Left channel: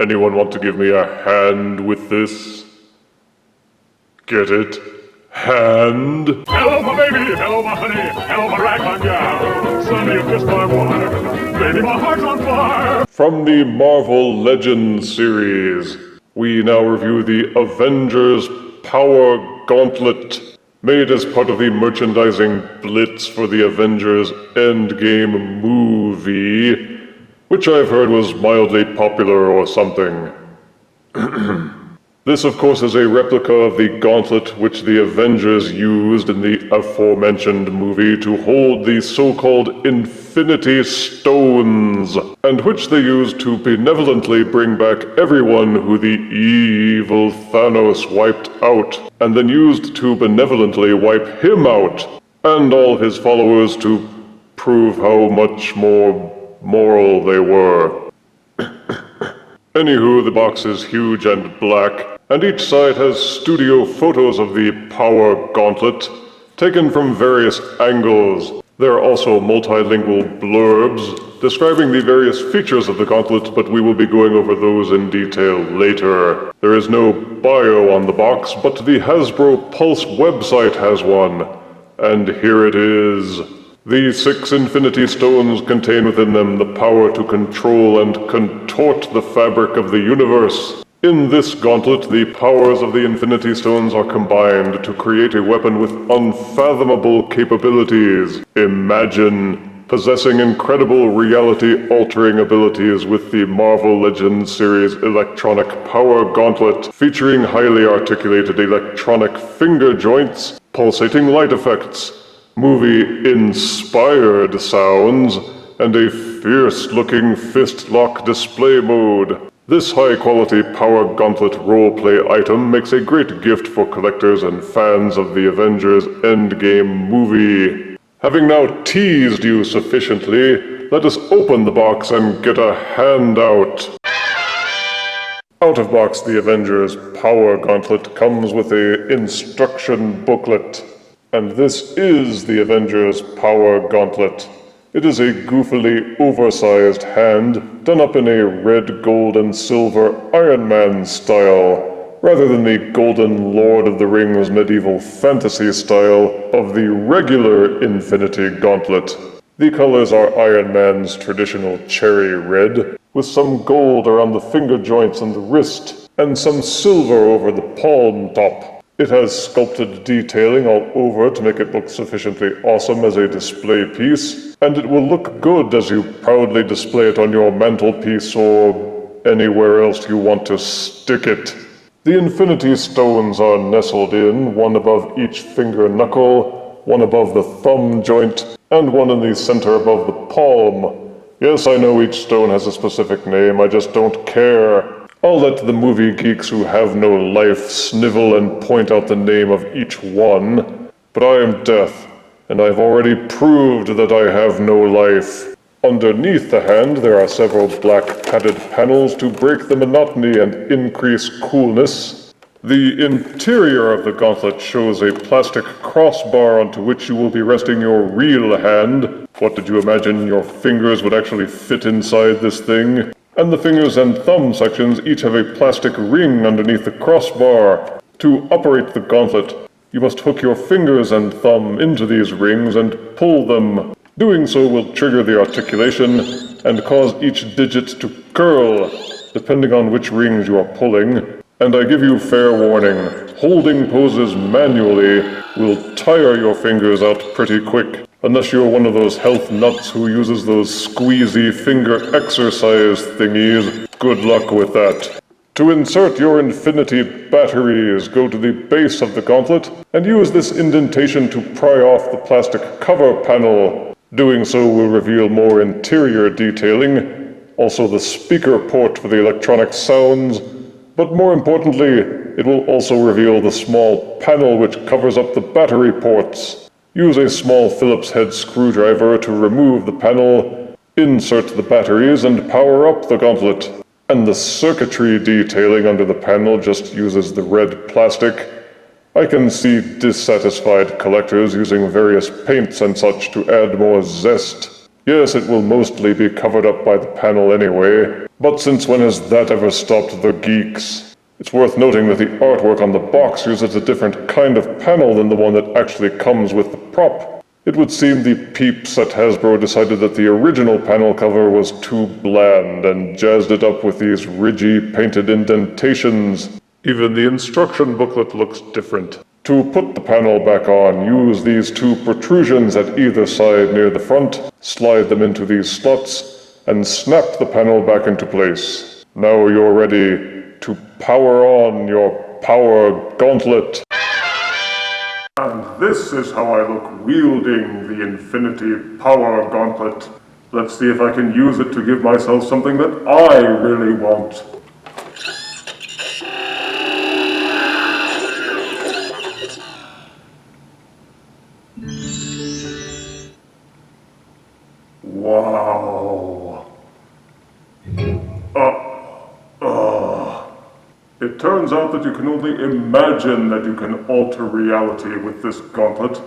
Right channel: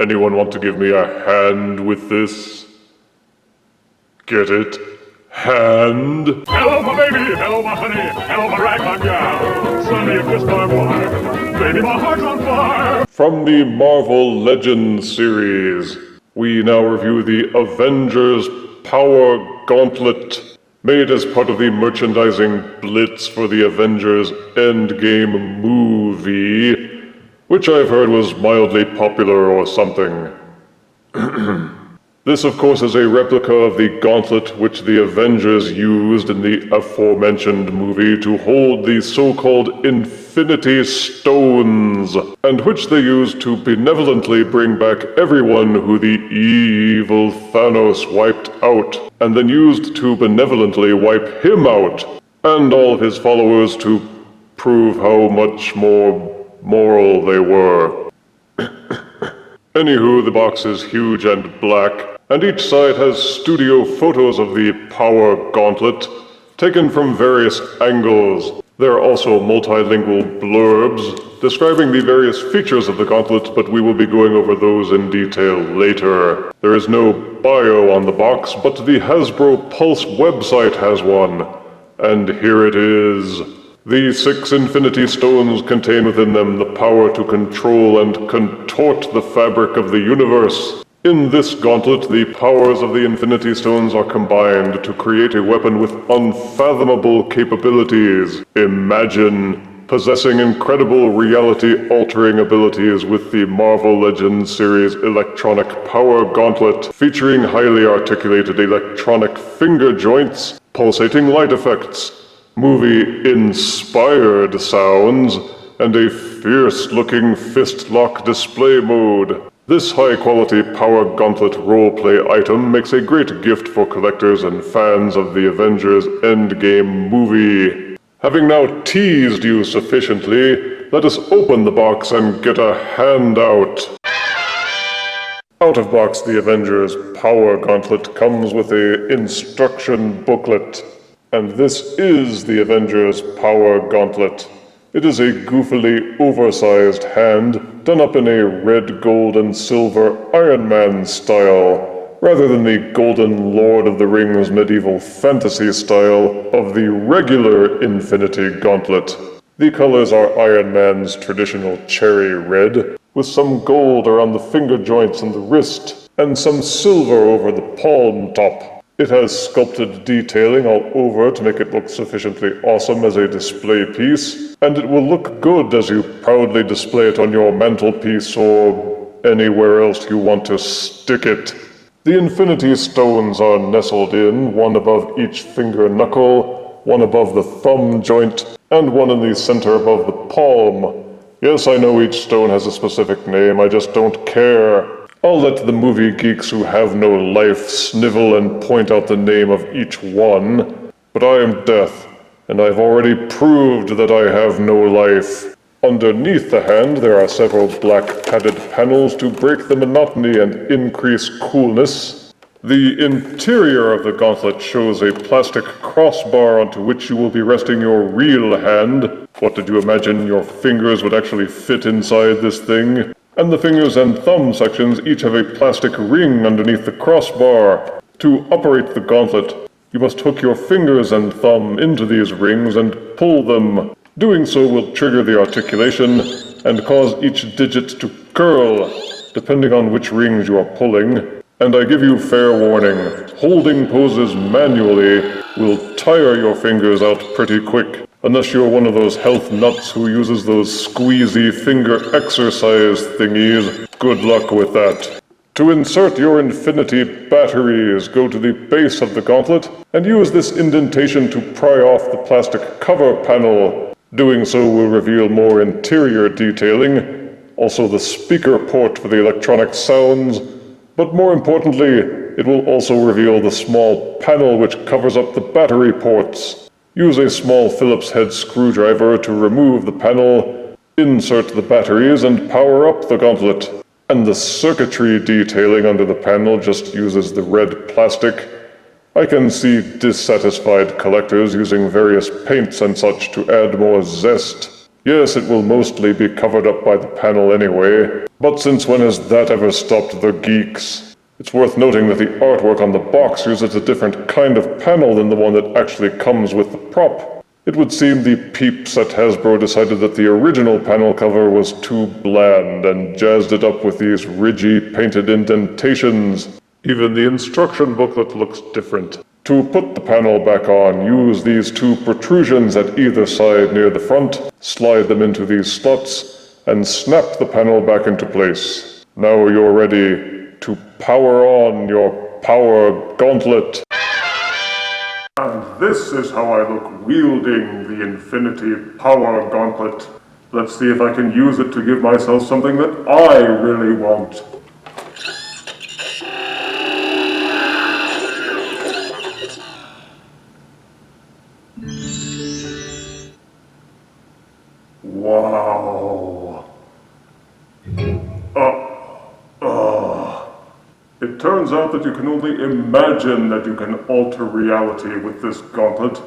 Anyone want to give me a hand with this? Get it? Hand? Hello, my baby! Hello, my honey! Hello, my ragtime gal! Sonny, you kissed my wife! Baby, my heart's on fire! From the Marvel Legends series, we now review the Avengers Power Gauntlet, made as part of the merchandising blitz for the Avengers Endgame movie, which I've heard was mildly popular or something. This, of course, is a replica of the gauntlet which the Avengers used in the aforementioned movie to hold the so-called Infinity Stones, and which they used to benevolently bring back everyone who the evil Thanos wiped out, and then used to benevolently wipe him out, and all of his followers to prove how much more moral they were. Anywho, the box is huge and black, and each side has studio photos of the Power Gauntlet, taken from various angles. There are also multilingual blurbs describing the various features of the gauntlet, but we will be going over those in detail later. There is no bio on the box, but the Hasbro Pulse website has one. And here it is. The 6 Infinity Stones contain within them the power to control and contort the fabric of the universe. In this gauntlet, the powers of the Infinity Stones are combined to create a weapon with unfathomable capabilities. Imagine possessing incredible reality-altering abilities with the Marvel Legends series Electronic Power Gauntlet, featuring highly articulated electronic finger joints, pulsating light effects, movie-inspired sounds, and a fierce-looking fist-lock display mode. This high-quality Power Gauntlet roleplay item makes a great gift for collectors and fans of the Avengers Endgame movie. Having now teased you sufficiently, let us open the box and get a handout. Out of box, the Avengers Power Gauntlet comes with an instruction booklet. And this is the Avengers Power Gauntlet. It is a goofily oversized hand, done up in a red, gold, and silver Iron Man style, rather than the golden Lord of the Rings medieval fantasy style of the regular Infinity Gauntlet. The colors are Iron Man's traditional cherry red, with some gold around the finger joints and the wrist, and some silver over the palm top. It has sculpted detailing all over to make it look sufficiently awesome as a display piece, and it will look good as you proudly display it on your mantelpiece or anywhere else you want to stick it. The Infinity Stones are nestled in, one above each finger knuckle, one above the thumb joint, and one in the center above the palm. Yes, I know each stone has a specific name, I just don't care. I'll let the movie geeks who have no life snivel and point out the name of each one, but I am Death, and I've already proved that I have no life. Underneath the hand, there are several black padded panels to break the monotony and increase coolness. The interior of the gauntlet shows a plastic crossbar onto which you will be resting your real hand. What did you imagine your fingers would actually fit inside this thing? And the fingers and thumb sections each have a plastic ring underneath the crossbar. To operate the gauntlet, you must hook your fingers and thumb into these rings and pull them. Doing so will trigger the articulation and cause each digit to curl, depending on which rings you are pulling. And I give you fair warning, holding poses manually will tire your fingers out pretty quick. Unless you're one of those health nuts who uses those squeezy finger exercise thingies, good luck with that. To insert your Infinity batteries, go to the base of the gauntlet and use this indentation to pry off the plastic cover panel. Doing so will reveal more interior detailing, also the speaker port for the electronic sounds, but more importantly, it will also reveal the small panel which covers up the battery ports. Use a small Phillips head screwdriver to remove the panel, insert the batteries, and power up the gauntlet. And the circuitry detailing under the panel just uses the red plastic. I can see dissatisfied collectors using various paints and such to add more zest. Yes, it will mostly be covered up by the panel anyway, but since when has that ever stopped the geeks? It's worth noting that the artwork on the box uses a different kind of panel than the one that actually comes with the prop. It would seem the peeps at Hasbro decided that the original panel cover was too bland and jazzed it up with these ridgy painted indentations. Even the instruction booklet looks different. To put the panel back on, use these two protrusions at either side near the front, slide them into these slots, and snap the panel back into place. Now you're ready to power on your power gauntlet. And this is how I look wielding the Infinity Power Gauntlet. Let's see if I can use it to give myself something that I really want. Wow. It turns out that you can only imagine that you can alter reality with this gauntlet,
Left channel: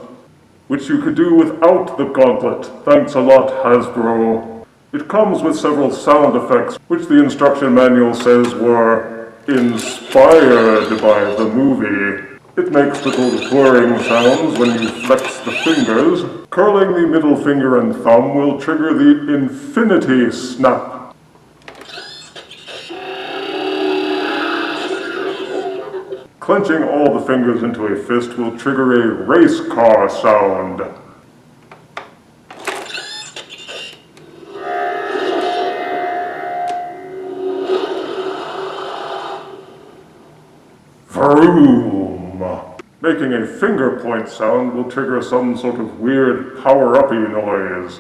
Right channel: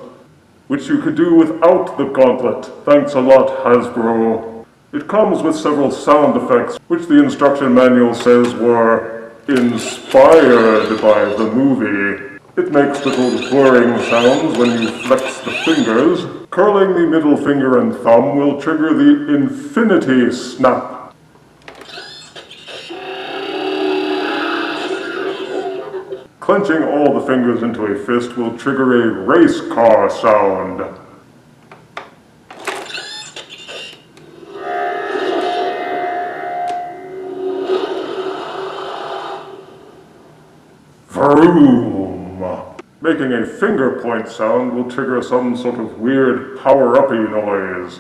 which you could do without the gauntlet. Thanks a lot, Hasbro. It comes with several sound effects, which the instruction manual says were inspired by the movie. It makes little whirring sounds when you flex the fingers. Curling the middle finger and thumb will trigger the Infinity Snap. Clenching all the fingers into a fist will trigger a race car sound. Vroom! Making a finger point sound will trigger some sort of weird power-uppy noise.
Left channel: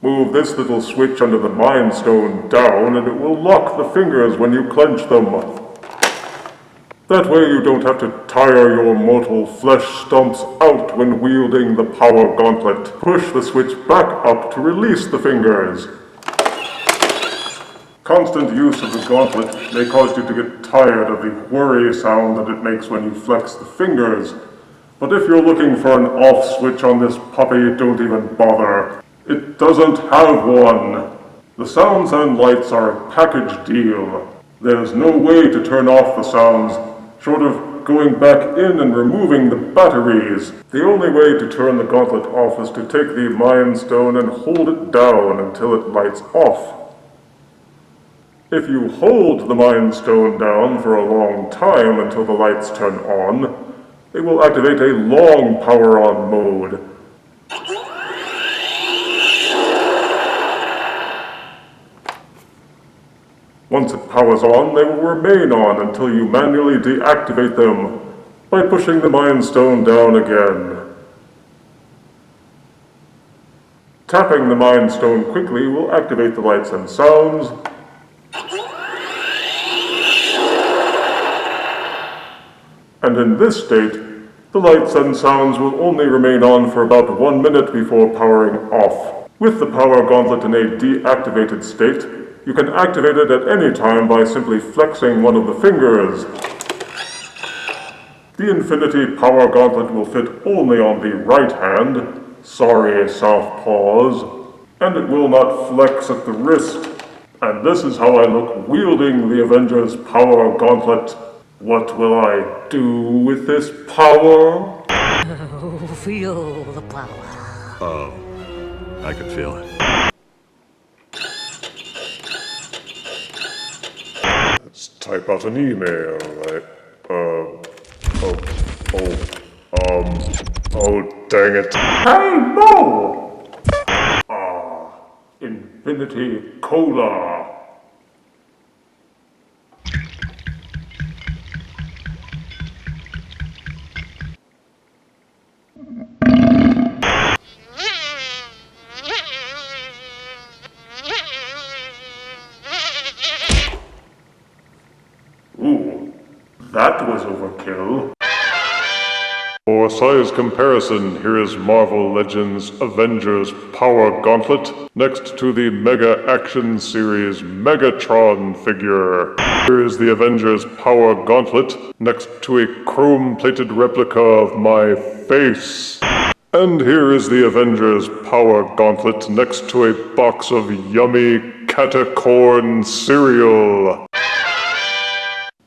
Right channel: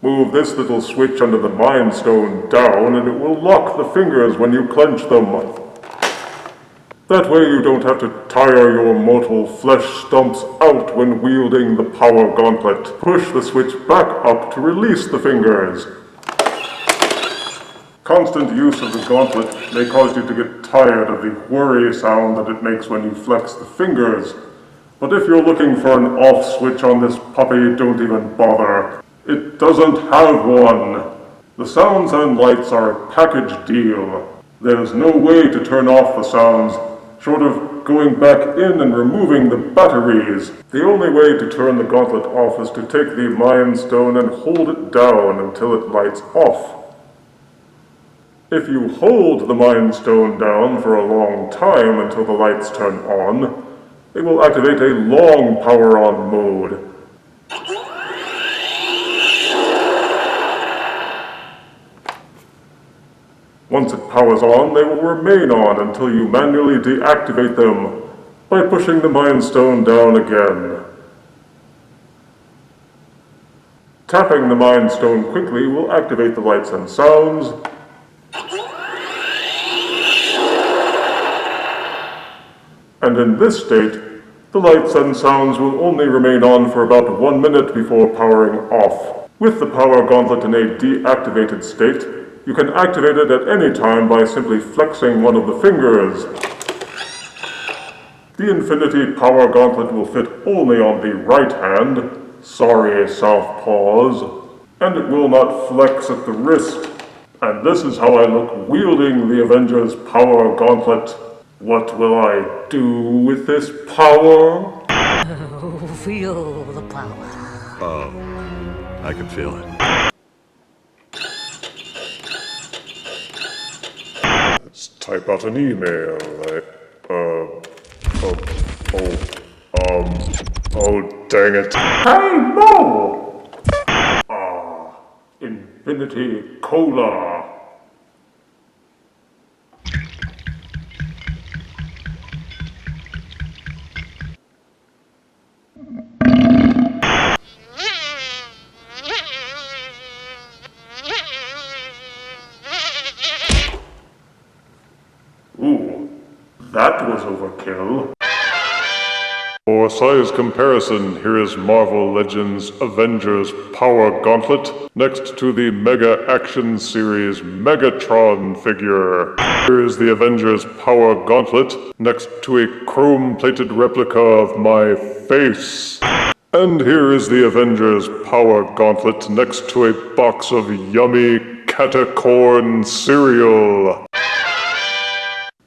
Move this little switch under the Mind Stone down and it will lock the fingers when you clench them. That way you don't have to tire your mortal flesh stumps out when wielding the Power Gauntlet. Push the switch back up to release the fingers. Constant use of the gauntlet may cause you to get tired of the whirry sound that it makes when you flex the fingers. But if you're looking for an off switch on this puppy, don't even bother. It doesn't have one. The sounds and lights are a package deal. There's no way to turn off the sounds, short of going back in and removing the batteries. The only way to turn the gauntlet off is to take the Mind Stone and hold it down until it lights off. If you hold the Mind Stone down for a long time until the lights turn on, it will activate a long power-on mode. Once it powers on, they will remain on until you manually deactivate them by pushing the Mind Stone down again. Tapping the Mind Stone quickly will activate the lights and sounds. And in this state, the lights and sounds will only remain on for about 1 minute before powering off. With the Power Gauntlet in a deactivated state, you can activate it at any time by simply flexing one of the fingers. The Infinity Power Gauntlet will fit only on the right hand, sorry southpaws, and it will not flex at the wrist. And this is how I look wielding the Avengers Power Gauntlet. What will I do with this power? Oh, feel the power. Oh, I can feel it. Let's type out an email. Oh, dang it. Hey, Mo! Infinity Cola. Ooh, that was overkill. For size comparison, here is Marvel Legends Avengers Power Gauntlet next to the Mega Action Series Megatron figure. Here is the Avengers Power Gauntlet next to a chrome-plated replica of my face. And here is the Avengers Power Gauntlet next to a box of yummy catacorn cereal.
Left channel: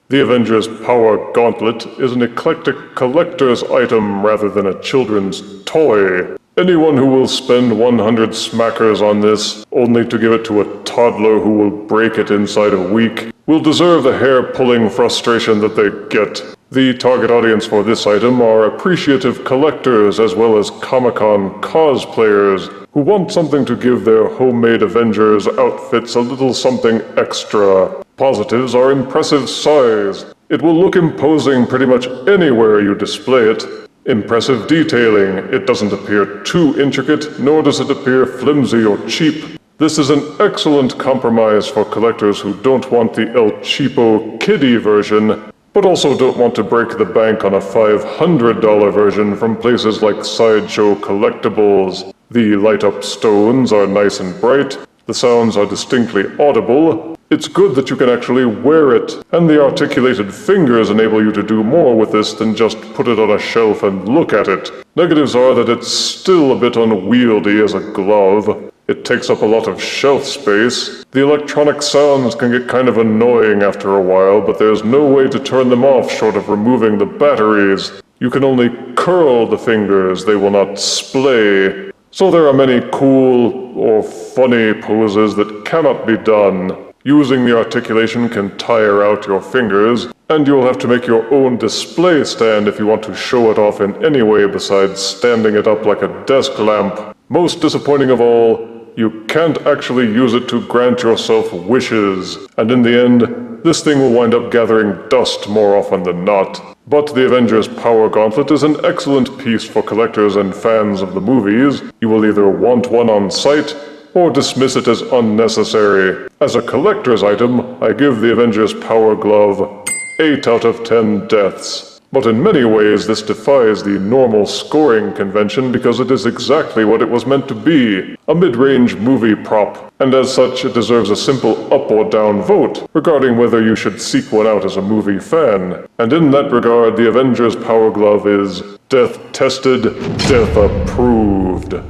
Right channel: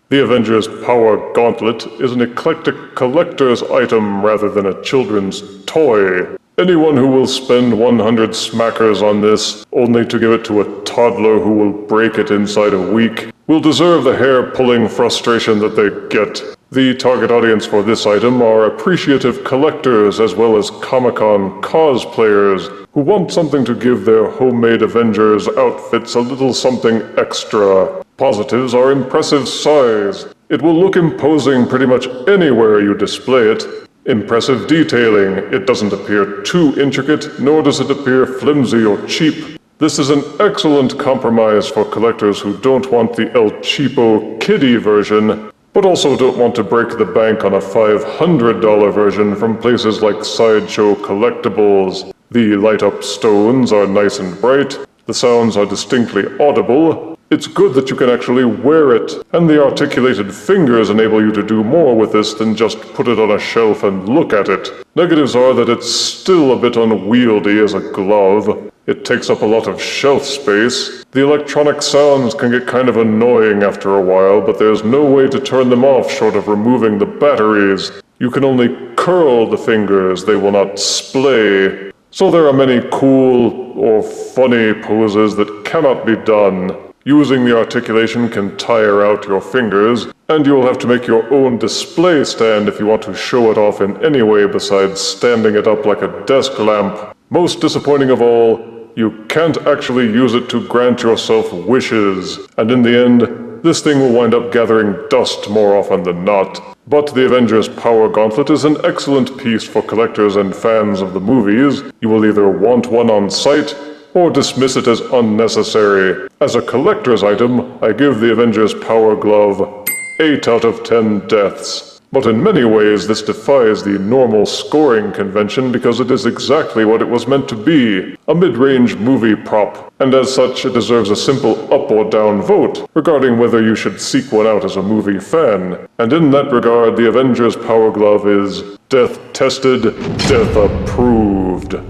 The Avengers Power Gauntlet is an eclectic collector's item rather than a children's toy. Anyone who will spend 100 smackers on this, only to give it to a toddler who will break it inside a week, will deserve the hair-pulling frustration that they get. The target audience for this item are appreciative collectors as well as Comic-Con cosplayers who want something to give their homemade Avengers outfits a little something extra. Positives are impressive size. It will look imposing pretty much anywhere you display it. Impressive detailing. It doesn't appear too intricate, nor does it appear flimsy or cheap. This is an excellent compromise for collectors who don't want the El Cheapo kiddie version, but also don't want to break the bank on a $500 version from places like Sideshow Collectibles. The light-up stones are nice and bright. The sounds are distinctly audible. It's good that you can actually wear it, and the articulated fingers enable you to do more with this than just put it on a shelf and look at it. Negatives are that it's still a bit unwieldy as a glove. It takes up a lot of shelf space. The electronic sounds can get kind of annoying after a while, but there's no way to turn them off short of removing the batteries. You can only curl the fingers, they will not splay. So there are many cool or funny poses that cannot be done. Using the articulation can tire out your fingers, and you'll have to make your own display stand if you want to show it off in any way besides standing it up like a desk lamp. Most disappointing of all, you can't actually use it to grant yourself wishes, and in the end, this thing will wind up gathering dust more often than not. But the Avengers Power Gauntlet is an excellent piece for collectors and fans of the movies. You will either want one on site, or dismiss it as unnecessary. As a collector's item, I give the Avengers Power Glove 8 out of 10 deaths. But in many ways, this defies the normal scoring convention because it is exactly what it was meant to be, a mid-range movie prop. And as such, it deserves a simple up or down vote regarding whether you should seek one out as a movie fan. And in that regard, the Avengers Power Glove is death-tested, death-approved.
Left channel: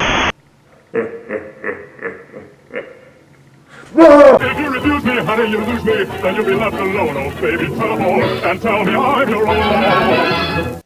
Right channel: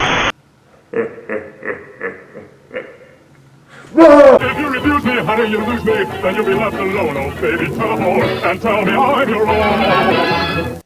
If you refuse me, honey, you lose me, then you'll be left alone. Oh, baby, tell all and tell me I'm your own.